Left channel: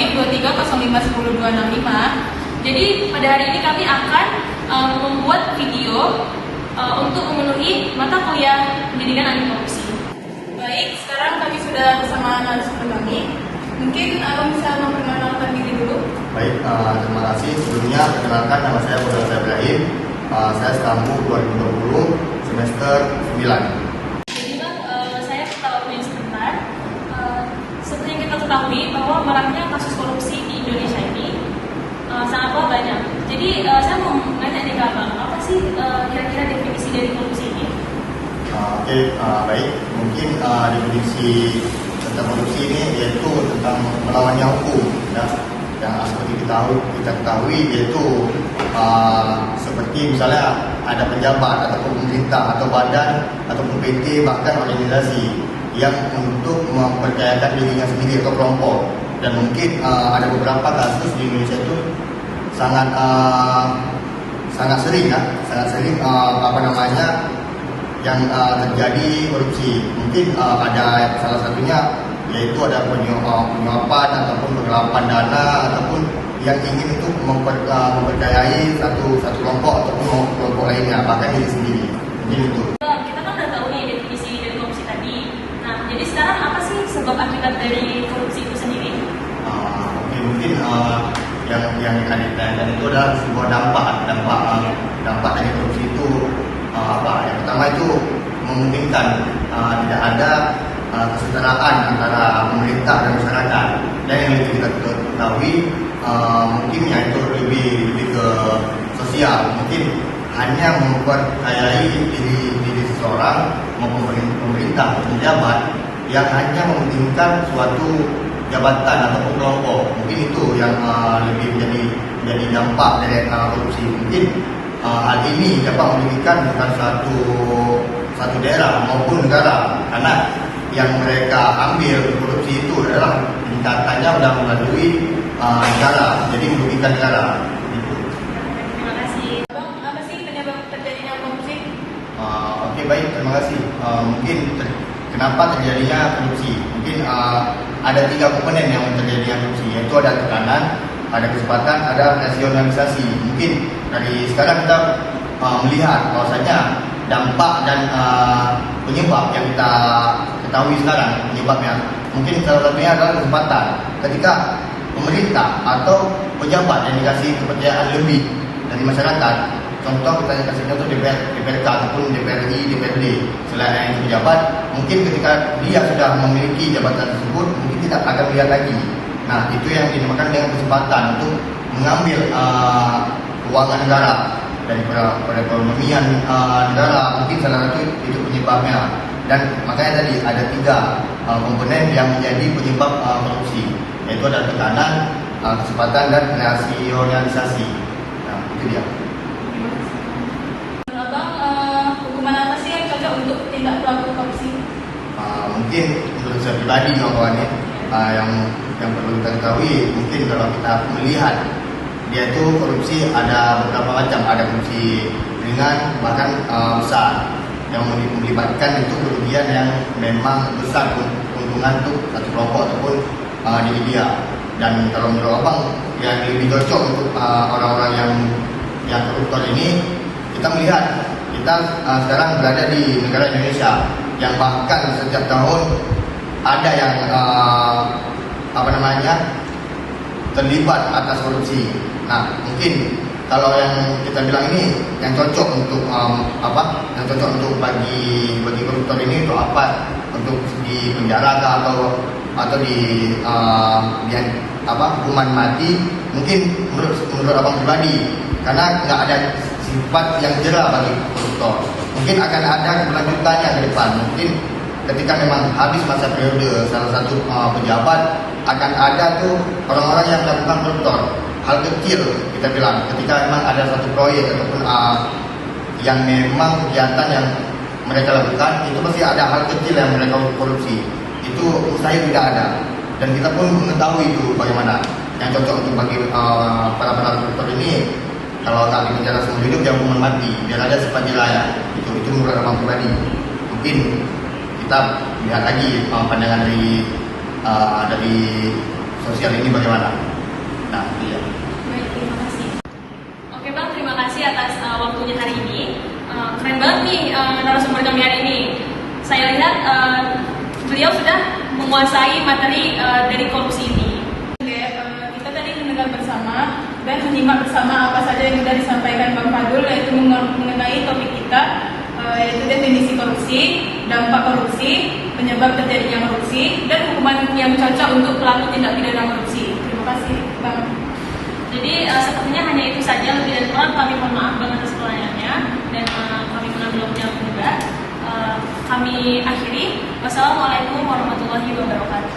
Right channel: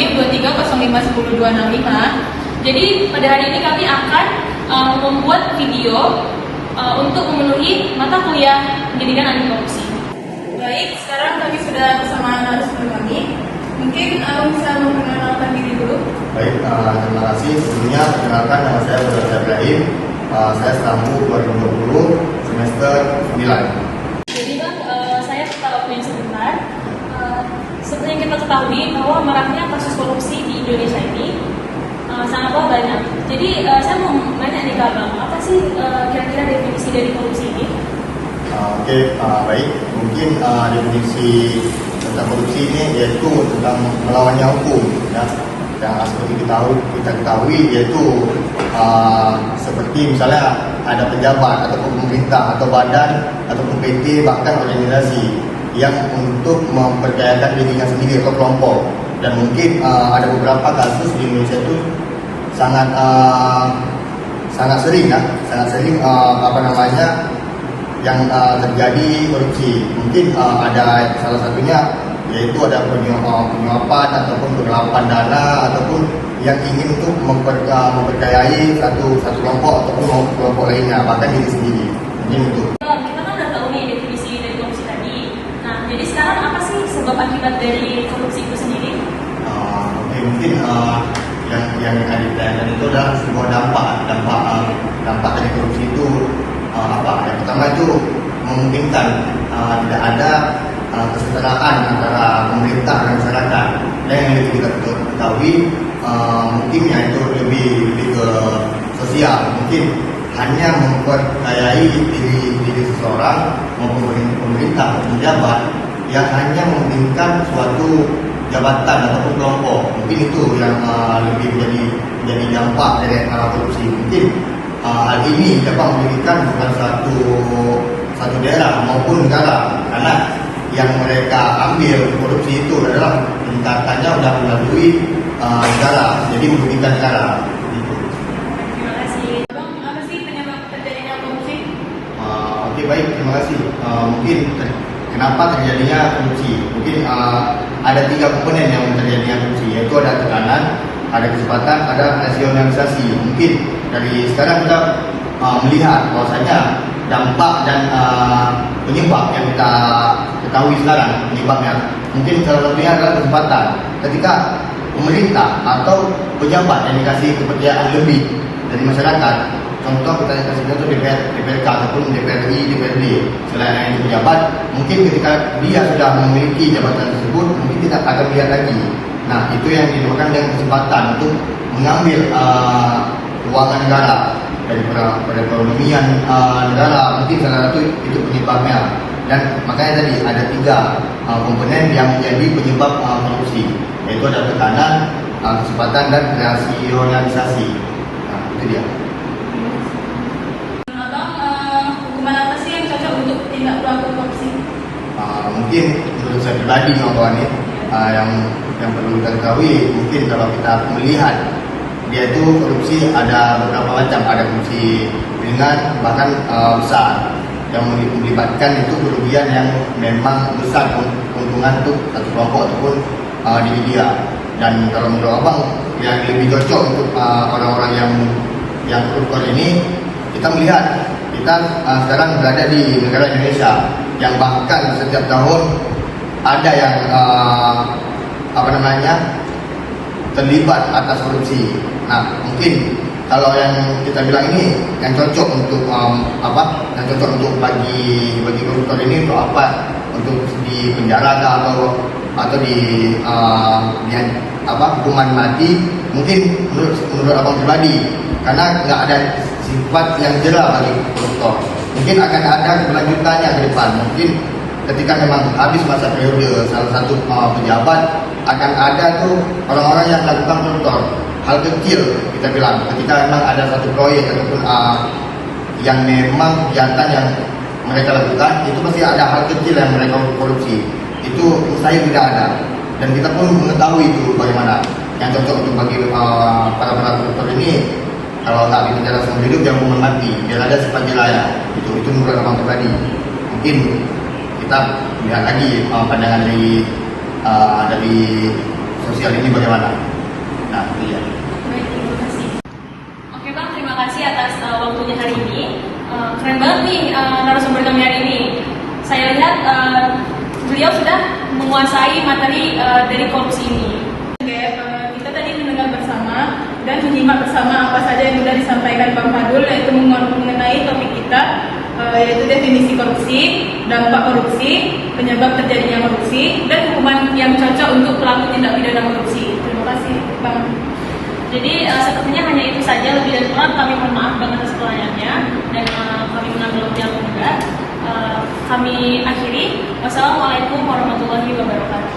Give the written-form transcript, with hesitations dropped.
NIP 23051025. Jadi pada hari ini kami akan membuat video untuk memenuhi mata kuliah pendidikan anti korupsi. Baik, sekarang kami sudah bersama narasumber kami. Mungkin bisa memperkenalkan diri dulu. Baik, terima kasih. Sebelumnya perkenalkan, nama saya Muhammad Ibrahim. Saya stampu 2020 semester 9. Jadi Bang, saya minta waktunya sebentar. Seperti yang kita ketahui bahwa maraknya kasus korupsi di Indonesia ini sangat banyak. Jadi saya mau nanya nih Kak Bang, apa sih kira-kira definisi dari korupsi ini? Baik. Mungkin definisi tentang korupsi ini yaitu tentang melawannya hukum, ya. Yang seperti kita ketahui yaitu seperti misalnya ada pejabat ataupun pemerintah atau badan ataupun PT bahkan organisasi yang untuk mempercayakan dirinya sendiri atau kelompok, dan mungkin ada beberapa kasus di Indonesia itu sangat sering yang terjadi korupsi. Mungkin ada salah satunya yaitu ada penyuapan ataupun penggelapan dana ataupun yang ingin untuk mempercayai satu kelompok ataupun kelompok lainnya bahkan diri sendiri. Mungkin itu. Kita kan udah tahu nih definisi dari korupsi tadi. Nah, jadi sekarang apa sih sebab akibat dari korupsi itu sendiri? Mungkin yang akan ditanyakan itu adalah sebuah dampak dari korupsi itu yang pertama itu memungkinkan tidak ada kesetaraan antara pemerintah dan masyarakat, dan yang kita ketahui mungkinnya itu lebih ke sosial, mungkin hanya mempercayai diri seseorang maupun pemerintah atau pejabat yang hanya memungkinkan suatu jabatan ataupun kelompok. Mungkin itu yang lebih jadi dampak dari korupsi. Mungkin hal ini dapat merugikan bukan satu daerah maupun negara, karena yang mereka ambil korupsi itu adalah tingkatannya sudah melalui negara, jadi merugikan negara. Terima kasih. Bang, apa sih penyebab terjadinya korupsi? Baik, terima kasih. Mungkin kenapa terjadinya korupsi? Mungkin ada 3 komponen yang terjadinya korupsi, yaitu ada tekanan, ada kesempatan, ada rasionalisasi. Mungkin dari sekarang kita melihat bahwasanya dampak dan penyebab yang kita ketahui sekarang penyebabnya. Mungkin salah satunya adalah kesempatan. Ketika pemerintah atau pejabat yang dikasih kepercayaan lebih dari masyarakat, contoh kita kasih contoh DPRK ataupun DPRI, DPRD, selain yang pejabat, mungkin ketika dia sudah memiliki jabatan tersebut, mungkin kita akan lihat lagi. Nah, itu yang dinamakan dengan kesempatan untuk mengambil keuangan negara dari perekonomian negara. Mungkin salah satu itu penyebabnya. Dan makanya tadi ada 3 komponen yang menjadi penyebab korupsi, yaitu ada tekanan, kesempatan, dan rasionalisasi. Nah, itu dia. Hukuman apa sih yang cocok untuk tindak pelaku korupsi? Mungkin untuk saya pribadi kawan-kawan yang perlu kita ketahui, mungkin kalau kita melihat dia itu korupsi ada beberapa macam, ada korupsi ringan bahkan besar yang melibatkan itu kerugian yang memang besar keuntungan untuk satu kelompok ataupun diri dia. Dan kalau menurut abang yang lebih cocok untuk orang-orang yang koruptor ini, kita melihat kita sekarang berada di negara Indonesia yang bahkan setiap tahun ada yang terlibat atas korupsi. Nah, mungkin kalau yang kita bilang ini yang cocok untuk yang cocok untuk bagi koruptor ini untuk apa? Untuk di penjara atau di hukuman mati? Mungkin menurut abang pribadi, karena nggak ada sifat yang jelas bagi koruptor. Mungkin akan ada kelanjutannya ke depan. Mungkin ketika memang habis masa periode salah satu pejabat, akan ada tuh orang-orang yang melakukan koruptor. Hal kecil kita bilang, ketika memang ada satu proyek ataupun yang memang kejahatan yang mereka lakukan, itu pasti ada hal kecil yang mereka korupsi. Itu mustahil tidak ada. Dan kita pun mengetahui itu bagaimana yang cocok untuk bagi para koruptor ini. Kalau tak bicara seumur hidup, jangan hukuman mati, biar ada sifat jelaya. Itu menurut abang pribadi. Mungkin kita lihat lagi pandangan dari sosial ini bagaimana? Nah, iya. Baik, terima kasih. Oke Bang, terima kasih atas waktunya hari ini. Keren banget nih narasumber kami hari ini. Saya lihat beliau sudah menguasai materi dari korupsi ini. Kita tadi mendengar bersama dan menyimak bersama apa saja yang sudah disampaikan Bang Fadul, yaitu mengenai topik kita, yaitu definisi korupsi, dampak korupsi, penyebab terjadinya korupsi, dan hukuman yang cocok untuk pelaku tindak pidana korupsi. Terima kasih Bang. Jadi sepertinya hanya itu saja, lebih dan kurang kami mohon maaf banget atas kelainan dan kami mengambil waktu yang juga. Kami akhiri. Wassalamualaikum warahmatullahi wabarakatuh.